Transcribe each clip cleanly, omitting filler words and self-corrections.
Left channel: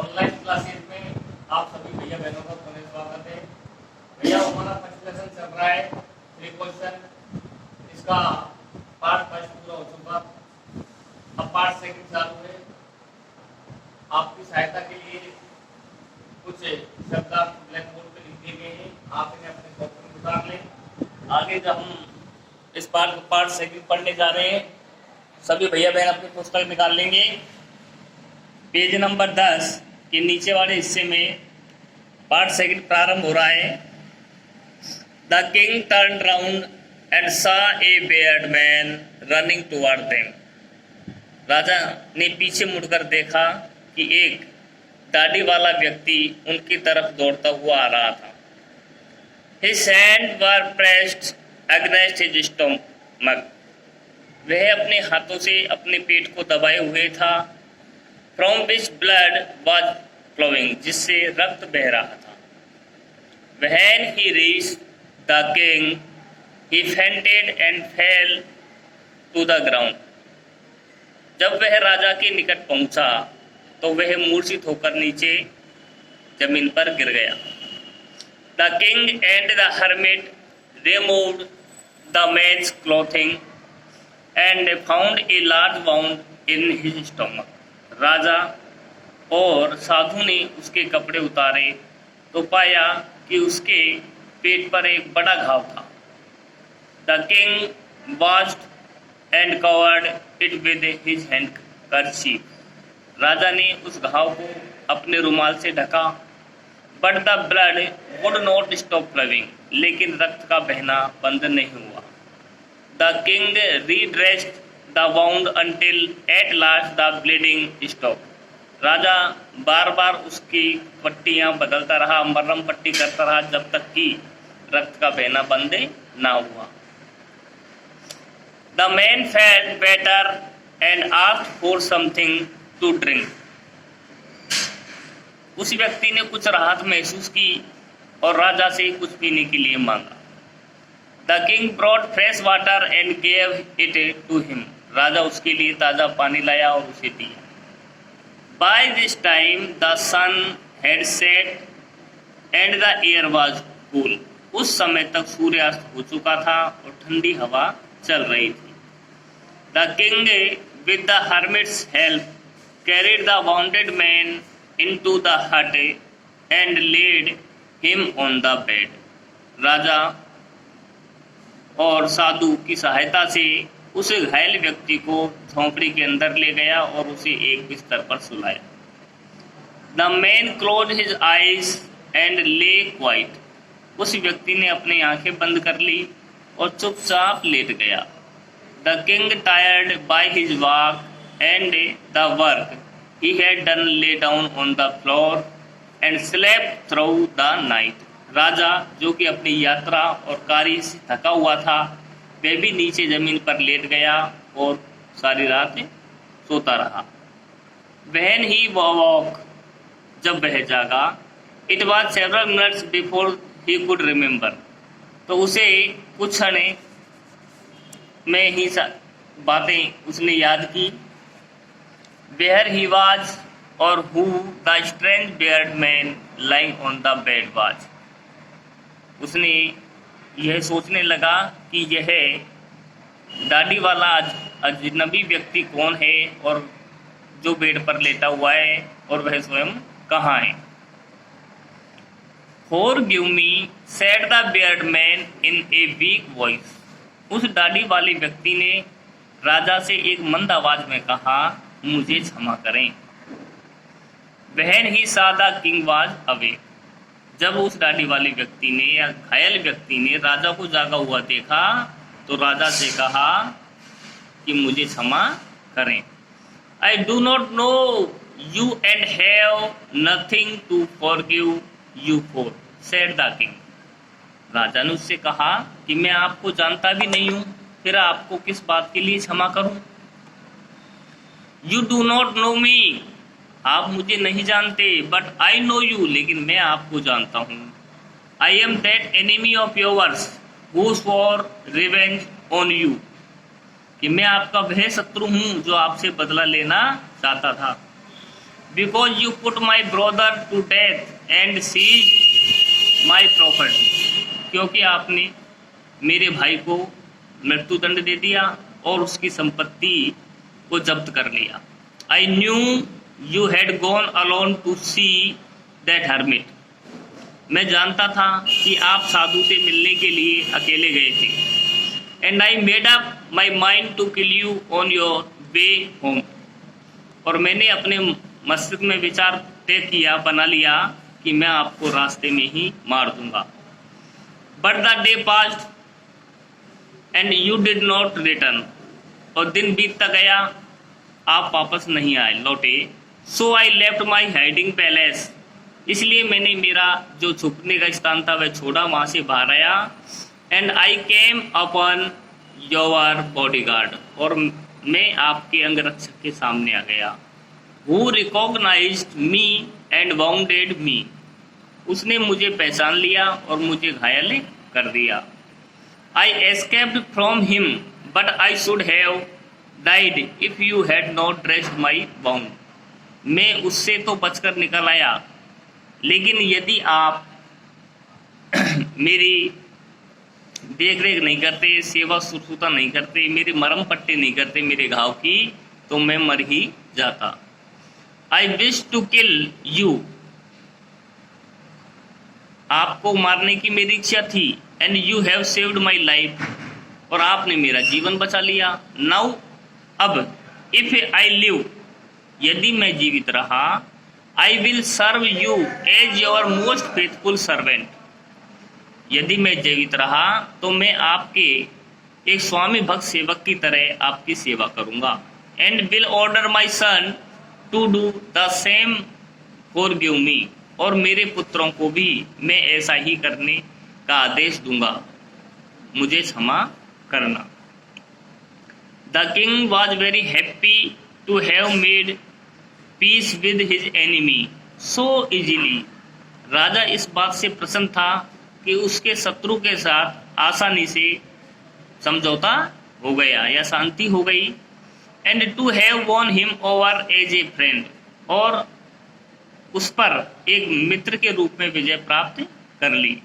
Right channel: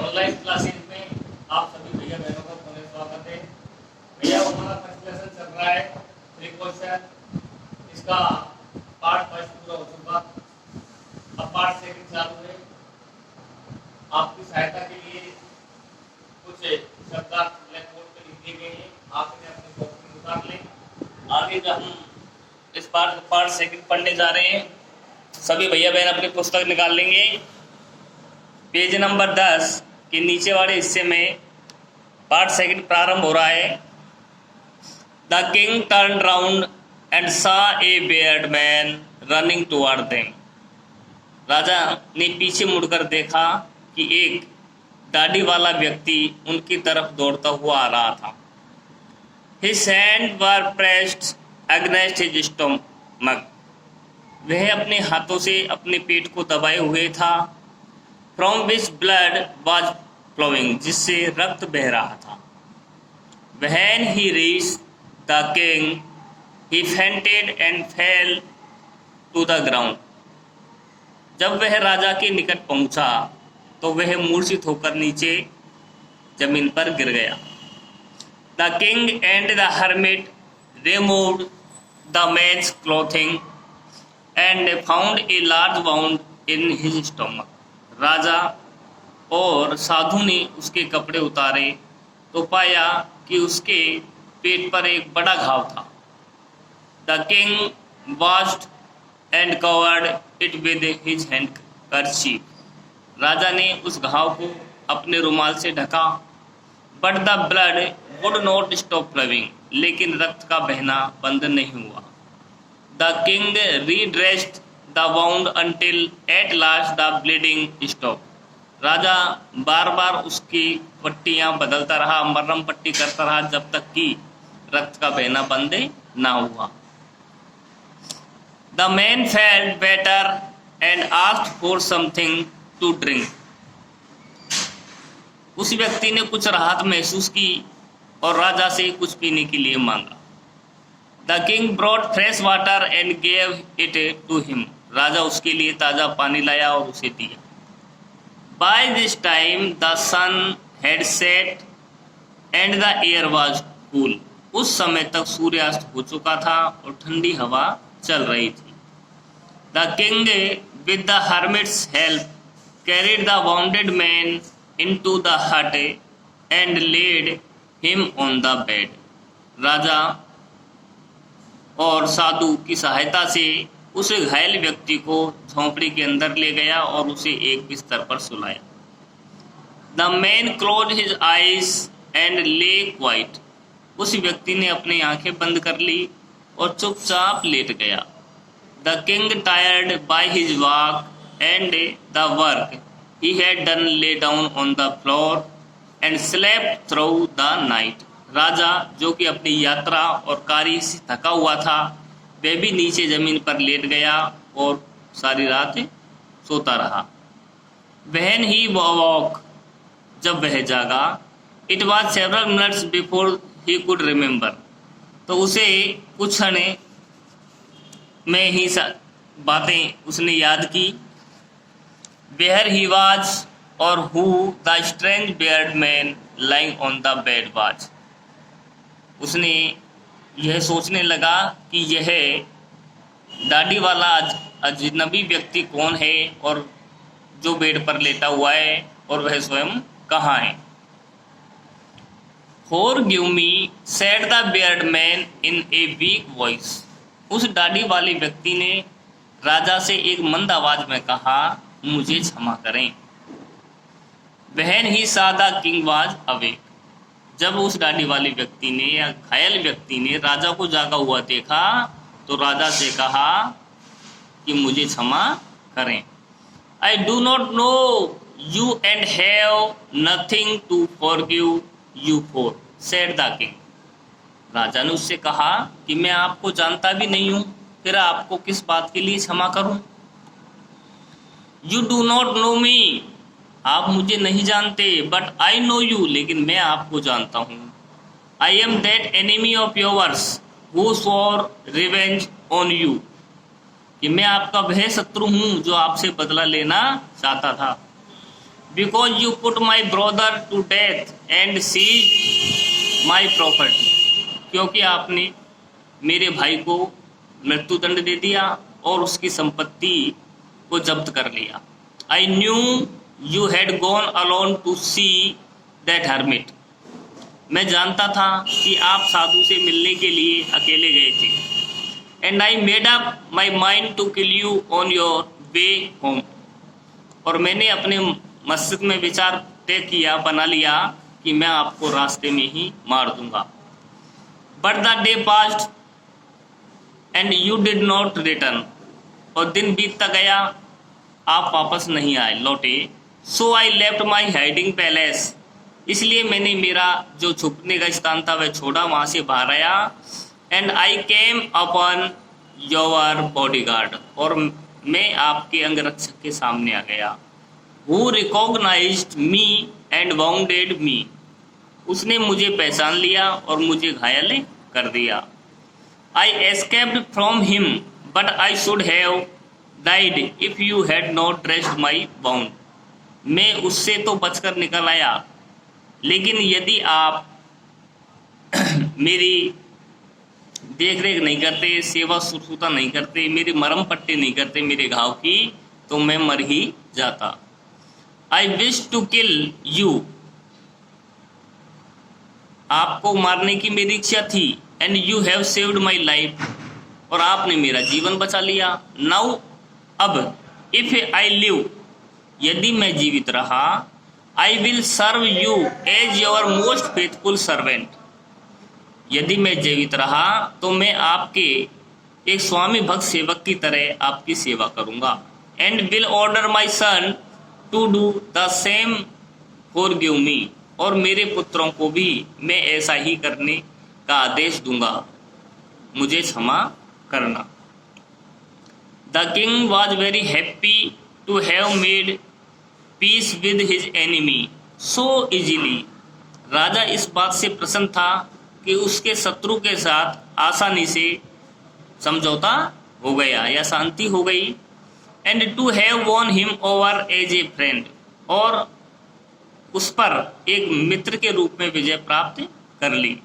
Online classes में आप सभी भैया बहनों का पुनः स्वागत है। भैया हमारा फर्स्ट लेसन चल रहा है प्रीक्वेश्चन, इसका पार्ट फर्स्ट पूरा हो चुका, अब पार्ट सेकंड चालू है। आपकी सहायता के लिए कुछ शब्दार्थ ब्लैक बोर्ड पर लिख दिए गए हैं, आप इन्हें अपने कॉपी में उतार लें। आगे जब हम इस पार्ट सेकंड पढ़ने जा रहे हैं, सभी भैया बहन अपनी पुस्तक निकाल लेंगे। पेज नंबर 10 के नीचे वाले हिस्से में पार्ट सेकंड प्रारंभ हो रहा है। The king turn round and saw a beard man running toward them. राजा ने पीछे मुड़कर देखा कि एक दाढ़ी वाला व्यक्ति उनकी तरफ दौड़ता हुआ आ रहा था। His hands were pressed against his stomach. वह अपने हाथों से अपने पेट को दबाए हुए था। From which blood was flowing, जिससे रक्त बह रहा था। When he reached the king, he fainted and fell to the ground. जब वह राजा के निकट पहुंचा तो वह मूर्छित होकर नीचे जमीन पर गिर गया। The king and the hermit removed the man's clothing and found a large wound in his stomach. राजा और साधु ने उसके कपड़े उतारे तो पाया कि उसके पेट पर एक बड़ा घाव था। The king washed and covered it with his handkerchief. राजा ने उस घाव को अपने रुमाल से ढका। But the blood would not stop flowing. लेकिन रक्त का बहना बंद नहीं हुआ। The king redressed the wound until at last the bleeding stopped. राजा बार बार उसकी पट्टियां बदलता रहा, मरहम पट्टी करता रहा जब तक कि रक्त का बहना बंद ना हुआ। The man felt better and asked for something to drink. उस व्यक्ति ने कुछ राहत महसूस की और राजा से कुछ पीने के लिए मांगा। The king brought fresh water and gave it to him. राजा उसके लिए ताजा पानी लाया और उसे दिया। By this time the sun had set and the air was cool. उस समय तक सूर्यास्त हो चुका था और ठंडी हवा चल रही थी। The king with the hermit's help carried the wounded man into the hut and laid him on the bed. राजा और साधु की सहायता से उस घायल व्यक्ति को झोंपड़ी के अंदर ले गया और उसे एक बिस्तर पर सुलाया। The man closed his eyes and lay quiet. उस व्यक्ति ने अपनी आंखें बंद कर ली और चुपचाप लेट गया। The king, tired by his walk and the work he had done, lay down on the floor and slept through the night. राजा जो कि अपनी यात्रा और कार्य से थका हुआ था, वह भी नीचे जमीन पर लेट गया और सारी रात सोता रहा। When he woke, जब वह जागा, it was several minutes before he could remember. तो उसे कुछ क्षण में ही बातें उसने याद की। Where he was or who the strange bearded man lying on the bed was. उसने यह सोचने लगा कि यह दाढ़ी वाला अजनबी व्यक्ति कौन है और जो बेड पर लेटा हुआ है और वह स्वयं कहाँ है। Forgive me, said the bearded man in a weak voice. उस दाढ़ी वाले व्यक्ति ने राजा से एक मंद आवाज में कहा, मुझे क्षमा करें। When he saw the king was awake. जब उस दाढ़ी वाले व्यक्ति ने या घायल व्यक्ति ने राजा को जागा हुआ देखा तो राजा से कहा कि मुझे क्षमा करें। I do not know you and have nothing to forgive you for, said the king. राजा ने उससे कहा कि मैं आपको जानता भी नहीं हूं, फिर आपको किस बात के लिए क्षमा करूं। You do not know me. आप मुझे नहीं जानते, बट आई नो यू, लेकिन मैं आपको जानता हूँ। I am that enemy of yours who swore revenge on you, कि मैं आपका वह शत्रु हूँ जो आपसे बदला लेना चाहता था। because you put my brother to death and seized my property, क्योंकि आपने मेरे भाई को मृत्युदंड दे दिया और उसकी संपत्ति को जब्त कर लिया। I knew you had gone alone to see that hermit, मैं जानता था कि आप साधु से मिलने के लिए अकेले गए थे। And I made up my mind to kill you on your way home, और मैंने अपने मस्तिष्क में विचार तय किया, बना लिया कि मैं आपको रास्ते में ही मार दूंगा। But the day passed and you did not return, और दिन बीतता गया, आप वापस नहीं आए, लौटे। So I left my hiding palace, इसलिए मैंने मेरा जो छुपने का स्थान था वह छोड़ा, वहां से बाहर आया। And I came upon your bodyguard, और मैं आपके अंगरक्षक के सामने आ गया। Who recognised me and wounded me, उसने मुझे पहचान लिया और मुझे घायल कर दिया। I escaped from him but I should have died if you had not dressed my wound, मैं उससे तो बचकर निकल आया, लेकिन यदि आप मेरी देख रेख नहीं करते, सेवा शुश्रूषा नहीं करते, मेरी मरहम पट्टी नहीं करते मेरे घाव की, तो मैं मर ही जाता। I wish to kill you, आपको मारने की मेरी इच्छा थी। And you have saved my life, और आपने मेरा जीवन बचा लिया। नाउ, अब, इफ आई लिव, यदि मैं जीवित रहा, I will serve you as your most faithful servant, यदि मैं जीवित रहा तो मैं आपके एक स्वामी भक्त सेवक की तरह आपकी सेवा करूंगा। And will order my son to do the same forgive me, और मेरे पुत्रों को भी मैं ऐसा ही करने का आदेश दूंगा, मुझे क्षमा करना। The king was very happy to have made peace with his enemy so easily, राजा इस बात से प्रसन्न था कि उसके शत्रु के साथ आसानी से समझौता हो गया या शांति हो गई। And to have won him over as a friend, और उस पर एक मित्र के रूप में विजय प्राप्त कर ली।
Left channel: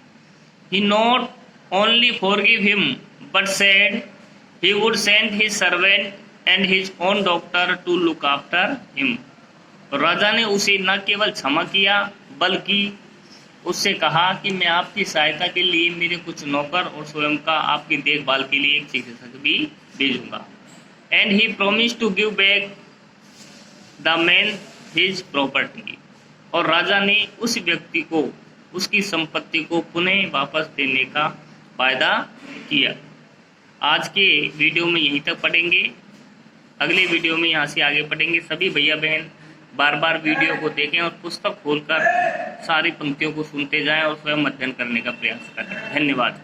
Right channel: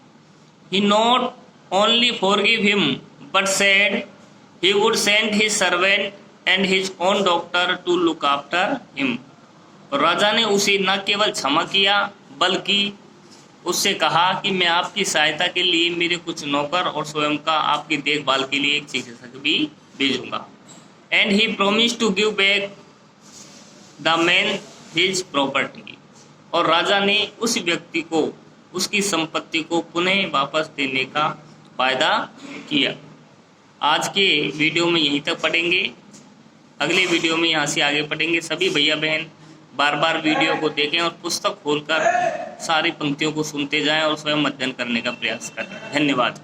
He not only forgive him but said he would send his servant and his own doctor to look after him, राजा ने उसे न केवल क्षमा किया बल्कि उससे कहा कि मैं आपकी सहायता के लिए मेरे कुछ नौकर और स्वयं का आपकी देखभाल के लिए एक चिकित्सक भी भेजूंगा। And he promise to give back the man his property, और राजा ने उस व्यक्ति को उसकी संपत्ति को पुनः वापस देने का वायदा किया। आज के वीडियो में यहीं तक पढ़ेंगे, अगले वीडियो में यहाँ से आगे पढ़ेंगे। सभी भैया बहन बार बार वीडियो को देखें और पुस्तक खोलकर सारी पंक्तियों को सुनते जाएं और स्वयं अध्ययन करने का प्रयास करें। धन्यवाद।